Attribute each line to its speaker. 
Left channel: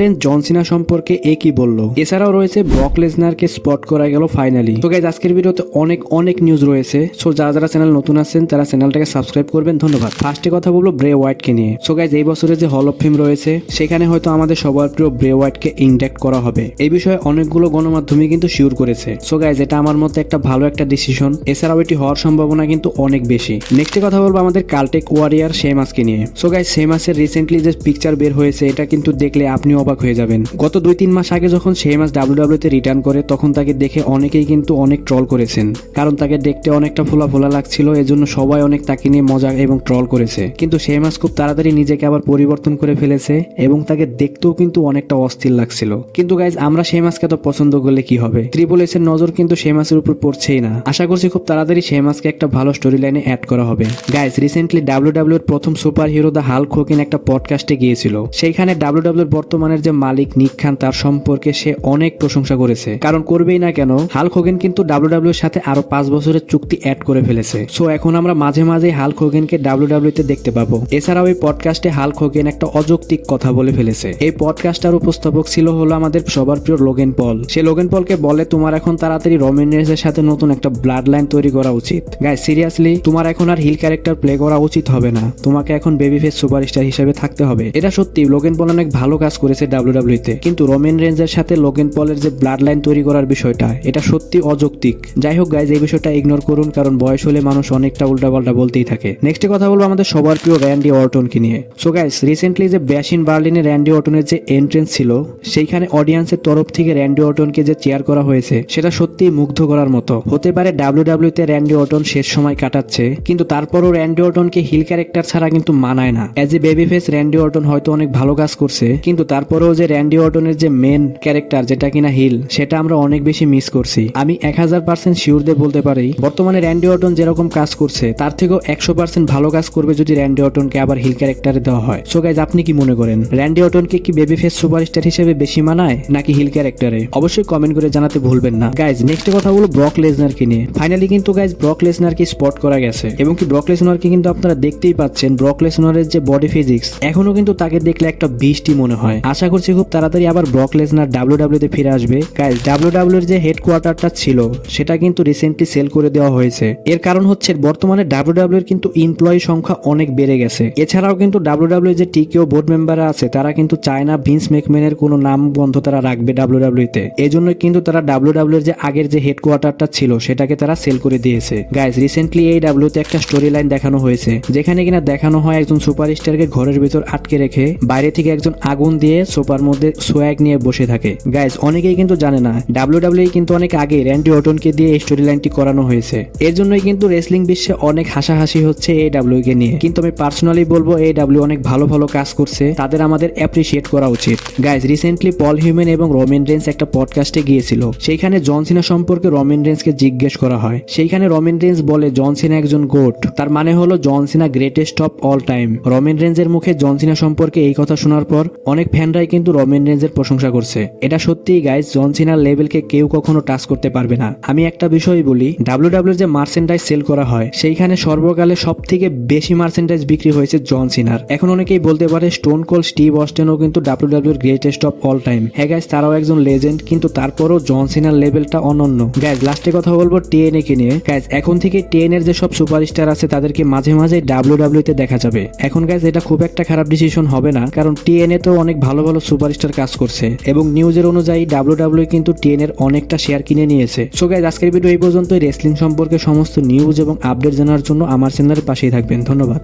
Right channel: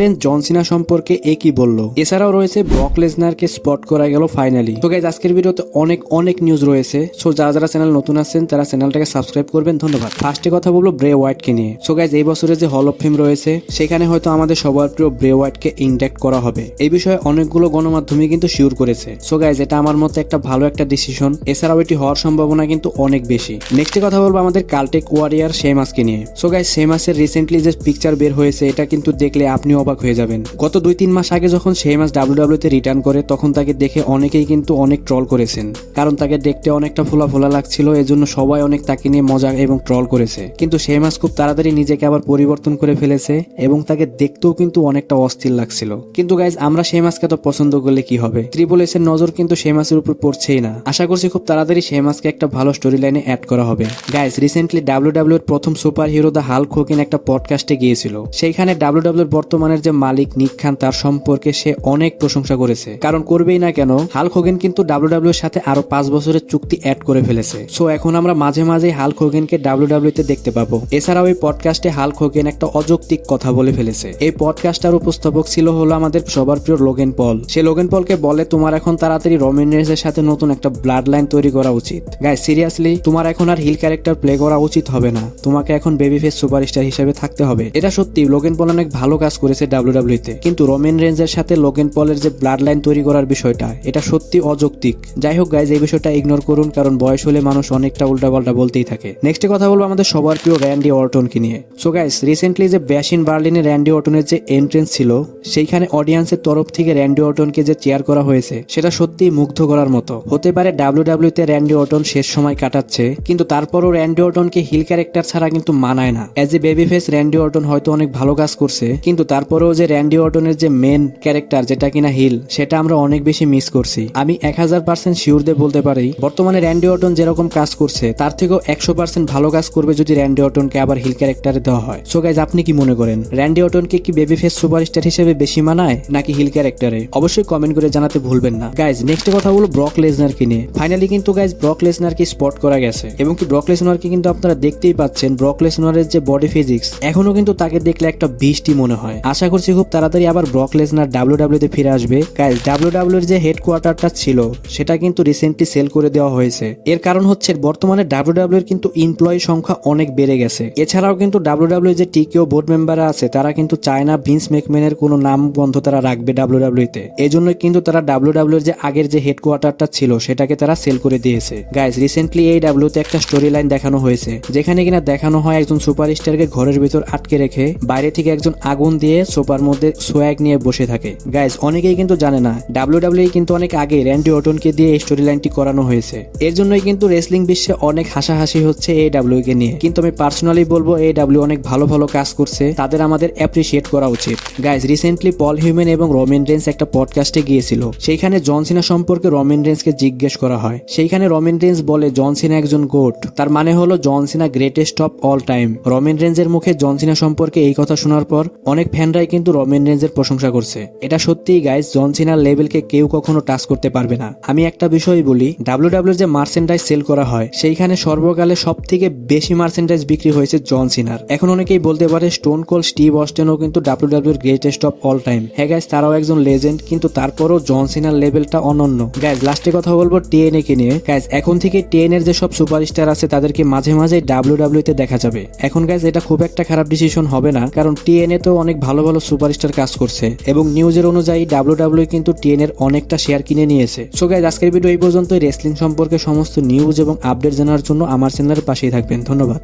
Speaker 1: Range John Cena সম্পর্কে এ কি বলল? এছাড়াও রয়েছে ব্রক লেসনারকে স্পট করা গেল ফাইনালি তো গাইজ আজকের ভিডিওতে অনেক অনেক নিউজ রয়েছে। সো যারা যারা চ্যানেল নতুন আছেন, তারা চ্যানেলটাকে সাবস্ক্রাইব করবেন। ধন্যবাদ। ফার্স্টে কথা বলব ব্রে হোয়াইটকে নিয়ে। সো গাইজ এই বছরে যে হল অফ ফেম রয়েছে, সেখানে হয়তো আমাদের সবার প্রিয় ব্রে হোয়াইটকে ইন্ডাক্ট করা হবে। এই বিষয়ে অনেকগুলো গণমাধ্যমে কিন্তু শিওর করেছে। সো গাইজ এটা আমার মতে একটা ভালো একটা ডিসিশন এছাড়াও এটি হওয়ার সম্ভাবনা কিন্তু অনেক বেশি। নেক্সটে কথা বলব আমাদের কালটেক ওয়ারিয়ার শেমাসকে নিয়ে। সো গাইজ শেমাসের রিসেন্টলি যে পিকচার বের হয়েছে, এটা কিন্তু দেখলে আপনি অবাক হয়ে যাবেন। গত দুই তিন মাস আগে যখন শেমাস ডাব্লিউডাব্লিউ তে রিটার্ন করে, তখন তাকে দেখে অনেকেই কিন্তু অনেক ট্রল করেছেন। কারণ তাকে দেখতে অনেকটা ফোলা ফোলা লাগছিল, এজন্য সবাই অনেক তাকে নিয়ে মজা এবং ট্রল করেছে। কিন্তু শেমাস খুব তাড়াতাড়ি নিজেকে আবার পরিবর্তন করে ফেলেছে এবং তাকে দেখতেও কিন্তু অনেকটা অস্থির লাগছিল। কিন্তু গাইজ আমরা শেমাসকে তো পছন্দ করলে কি হবে? ত্রিপল এস এর নজর কিন্তু শেমাসের উপর পড়ছেই না। আশা করছি খুব তাড়াতাড়ি শেমাসকে একটা ভালো স্টোরি লাইনে অ্যাড করা হবে। গাইজ রিসেন্টলি ডাব্লিউডাব্লিউ এর প্রথম super hero the Hulk Hogan একটা পডকাস্টে গিয়েছিল। সেইখানে ডাব্লিউডাব্লিউ এর বর্তমানের যে মালিক নিক খান তার সম্পর্কে সে অনেক প্রশংসা করেছে। কারণ করবেই না কেন হাল্ক হোগেন কিন্তু ডাব্লিউডাব্লিউ এর সাথে আরও পাঁচ বছরের চুক্তি অ্যাড করে ফেলেছে। সো এখন আমরা মাঝে মাঝে হাল্ক হোগেনকে ডাব্লিউডাব্লিউ তে দেখতে পাবো। এছাড়াও এই পডকাস্টে হাল্ক হোগেন একটা অযৌক্তিক কথা বলে ফেলেছে। এই পডকাস্টার উপস্থাপক ছিল হলো আমাদের সবার প্রিয় লোগেন পল। সে লোগেন পলকে বলে, তোমার এখন তাড়াতাড়ি রোমেন এর সাথে নতুন একটা ব্লাড লাইন তৈরি করা উচিত। গাই সিরিয়াসলি তোমার এখন আর হিল ক্যারেক্টার প্লে করা উচিত হবে না। তোমাকে এখন বেবি ফেস সুপারস্টার হিসেবে থাকতে হবে। এটা সত্যি, লোগেন পল অনেক ভালো কাজ করেছে। ডাব্লিউডাব্লিউ তে কিন্তু রোমেন রেঞ্জের সাথে লোগেন পলের যে ব্লাড লাইন তৈরি করার বিষয়টা, এটা সত্যি অযৌক্তিক। যাই হোক গাইজ এই বিষয়টা ইগনোর করুন, কারণ বয়স হলে মানুষ অনেকটা উল্টাপাল্টা বলতেই থাকে। নেক্সট কথা বলব আমাদের সবার প্রিয় র্যান্ডি অর্টনকে নিয়ে। সো গাইজ রিসেন্টলি যে ব্যাসিন বার্লিনে র্যান্ডি অর্টনের যে এন্ট্রেন্স ছিল, সেইখানে অডিয়েন্সের তরফ থেকে র্যান্ডি অর্টনকে যে চেয়ার করা হয়েছে, সেটা সত্যি মুগ্ধ করার মতো। হতে পারে ডাব্লিউডাব্লিউ তে র্যান্ডি অর্টন শেষ সময় কাটাচ্ছে, কিন্তু তারপরও র্যান্ডি অর্টনকে হিল ক্যারেক্টার ছাড়া কিন্তু মানায় না। As a baby face Randy Orton হয়তো অনেক ভালো কাজ করছে, কিন্তু তারপরেও যে র্যান্ডি অর্টনের যে মেন ক্যারেক্টার যেটা কিনা হিল সেটা আমরা অনেক বেশি মিস করছি। আমি এক হাজার পার্সেন্ট শিওর দিয়ে বলতে পারি, বর্তমানে র্যান্ডি অর্টন যেরকম কাজ করছে, তার থেকেও একশো পার্সেন্ট ভালো কাজ করবে যদি র্যান্ডি অর্টনকে আবার হিল ক্যারেক্টারে দেওয়া হয়। সো গাইজ আপনি কি মনে করেন র্যান্ডি অর্টনকে কি বেবি ফেস সুপারস্টার হিসেবে বেশি মানায়, নাকি হিল ক্যারেক্টারে অবশ্যই কমেন্ট করে জানাতে ভুলবেন না। গাইজ নেক্সট কথা হলো ব্রক লেজনারকে নিয়ে। ফাইনালি কিন্তু গাইজ ব্রক লেসনারকে স্পট করা গেছে। এবং কি ব্রক লেসনারকে কিন্তু আপনারা দেখতেই পাচ্ছেন ব্রক লেসনারের যে বডি ফিজিক্স এখনও কিন্তু তাকে দেখলে একটা বৃষ্টি মনে হয়। আশা করছি খুব তাড়াতাড়ি আবার ব্রক লেসনার ডাব্লিউ তে ফিরে আসবে। গাইজ ডাব্লিউ এর যে হেডকোয়ার্টারটা ছিল, সেটা কিন্তু রিসেন্টলি সেল করে দেওয়া হয়েছে। এর কারণ হচ্ছে বর্তমানে ডাব্লিউ এর কিন্তু এমপ্লয়ি সংখ্যা অনেক বেড়ে গেছে। এছাড়াও কিন্তু ডাব্লিউ যে টিকেও বোর্ড মেম্বার আছে, তারা কিন্তু চায় না ভিন্স মেকম্যানের কোনো নাম বন্ধ তারা রাখবে ডাব্লিউ তে। এই জন্য কিন্তু তারা ডাব্লিউ এর যে আগের যে হেডকোয়ার্টারটা ছিল, সেটাকে তারা সেল করে দিয়েছে। গাইজ রিসেন্টলি এই ডাব্লিউ তে একটা স্টোরি লাইন দেখানো হয়েছে, যেখানে কিনা দেখানো হয় একজন সুপারস্টারকে ঘরের ভিতর আটকে রেখে, বাইরে থেকে একজন আগুন দিয়ে সোপার মধ্যে সোয়াগ নিয়ে বসে থাকে। গাইজ অনেকেই কিন্তু জানে না ডাব্লিউ ডাব্লিউ কিন্তু অনেক আগে র্যান্ডি অটনকে দিয়ে এই স্টোরি লাইনটি করানো হয়েছে। এর জন্যই কিন্তু রেসলিং বিশ্বে অনেক হাসাহাসি হচ্ছে এই ডাব্লিউ কে নিয়ে। কিন্তু আমি পার্সোনালি বলব, এই ডাব্লিউ অনেক ভালো ভালো কাজ করছে, তাদের আমাদের অ্যাপ্রিসিয়েট করা উচিত। গাইজ রিসেন্টলি পল হিউম্যান এবং রোমেন রেন্স একটা পডকাস্টে গিয়েছিল। সেইখানে জনসিনা সম্পর্কে রোমেন রেন্সকে জিজ্ঞেস করা হয়। সেইখানে রোমেন রেন্স বলে জনসিনা একজন গোট তার মানে হলো John Cena greatest of all time Roman রেন্সের মুখে জনসিনা সম্পর্কে এই কথা শোনার পর, অনেক ফ্যানরাই কিন্তু রোমেন রেন্সের প্রশংসা করছে। এটা সত্যিই গাইজ জনসিনার লেভেলকে কেউ কখনো টাচ করতে পারবে না। আমি একটা বিষয় বলি ডাব্লিউ ডাব্লিউ যে মার্সেন্টাইজ সেল করা হয়, সেইখানে সর্বকালে সব থেকে বেশি মার্সেন্টাইজ বিক্রি হয়েছে জন সিনার এখন অনেকেই বলতে পারে স্টোন কোল স্টিভ অস্টেনও কিন্তু W W greatest of all time হ্যাঁ গাইজ তারাও একজন লেজেন্ড কিন্তু তারপরও জন সিনার লেভেলটা অনন্য। গাইজ লাস্টে কথা বলব টিএনএ কে নিয়ে। গাইজ এখন থেকে টিএন এর যে সব সুপারস্টার আছে, তাদেরকে মাঝে মাঝে ডাব্লিউ ডাব্লিউ তে দেখা যাবে। এখন গাইজ এটা খুব একটা খারাপ ডিসিশন হবে না, কারণ টিএনএ তো অনেক ভালো ভালো সুপারস্টার কাজ করছে এবং নিউজের অনুযায়ী ডাব্লিউ ডাব্লিউ কিন্তু টেন এর অনেকটা শেয়ার কিনে নিয়েছে। সো গাইজ আজকের ভিডিও এই পর্যন্ত রেসলিং সম্পর্কে সমস্ত নিউজ এবং আপডেট জানার জন্য আমার চ্যানেলের পাশেই থাকবেন। ধন্যবাদ।